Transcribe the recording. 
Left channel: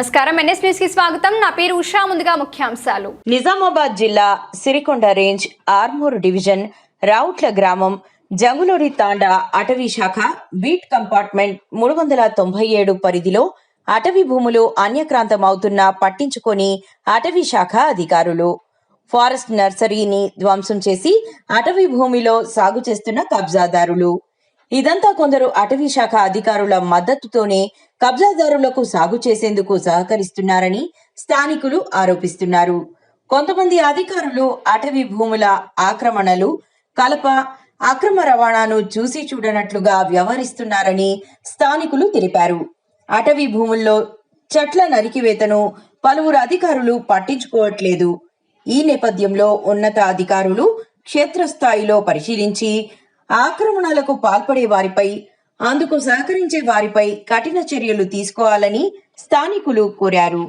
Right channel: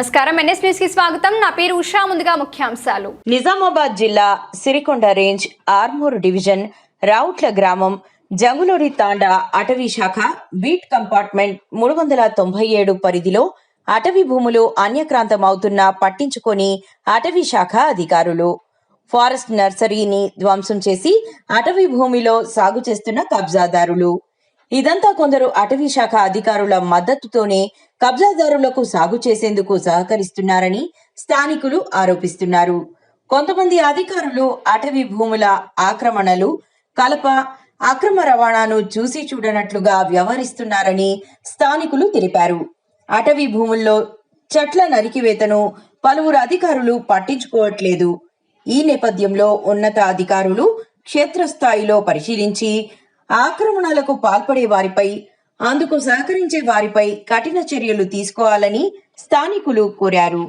నమస్కారం, NS news కి స్వాగతం. నా పేరు ఉషా. ముందుగా ముఖ్యాంశాలు. నిజామాబాద్ జిల్లా సిరికొండ రేంజ్ ఆర్మూర్ డివిజన్ రావుట్ల గ్రామం జంగులూరి తాండా అటవీ శాఖ బీట్ కంపార్ట్మెంట్ 397 పరిధిలో అటవీ భూములు అన్యక్రాంతమవుతున్నా పట్టించుకొని అటవీ శాఖ అధికారులు ఫారెస్ట్ నర్సరీని ధ్వంసం చేసి అటవీ భూమిలో సాగు చేస్తున్న కబ్జాదారులు. ఇదంతా కొందరు అటవీ శాఖ అధికారుల మద్దతుతోనే కబ్జాదారులకు సాగు చేసేందుకు సహకరిస్తున్నారని స్థానికులు ఆరోపిస్తున్నారు. కొంతమంది అధికారులు అటవీ భూముల ఆక్రమణలు, కలప, అక్రమ రవాణాను చూసి చూడనట్లుగా వ్యవహరిస్తున్నారని స్థానికులు తెలిపారు. అటవీ భూముల్లో చెట్ల నరికివేతను పలువురు అధికారులు పట్టించుకోవట్లేదు. ఈ నేపథ్యంలో ఉన్నత అధికారులు క్షేత్రస్థాయిలో పరిశీలించి ఆక్రమణలకు పాల్పడే వారిపై, అందుకు సహకరించే వారిపై కఠిన చర్యలు తీసుకోవాలని స్థానికులు కోరారు.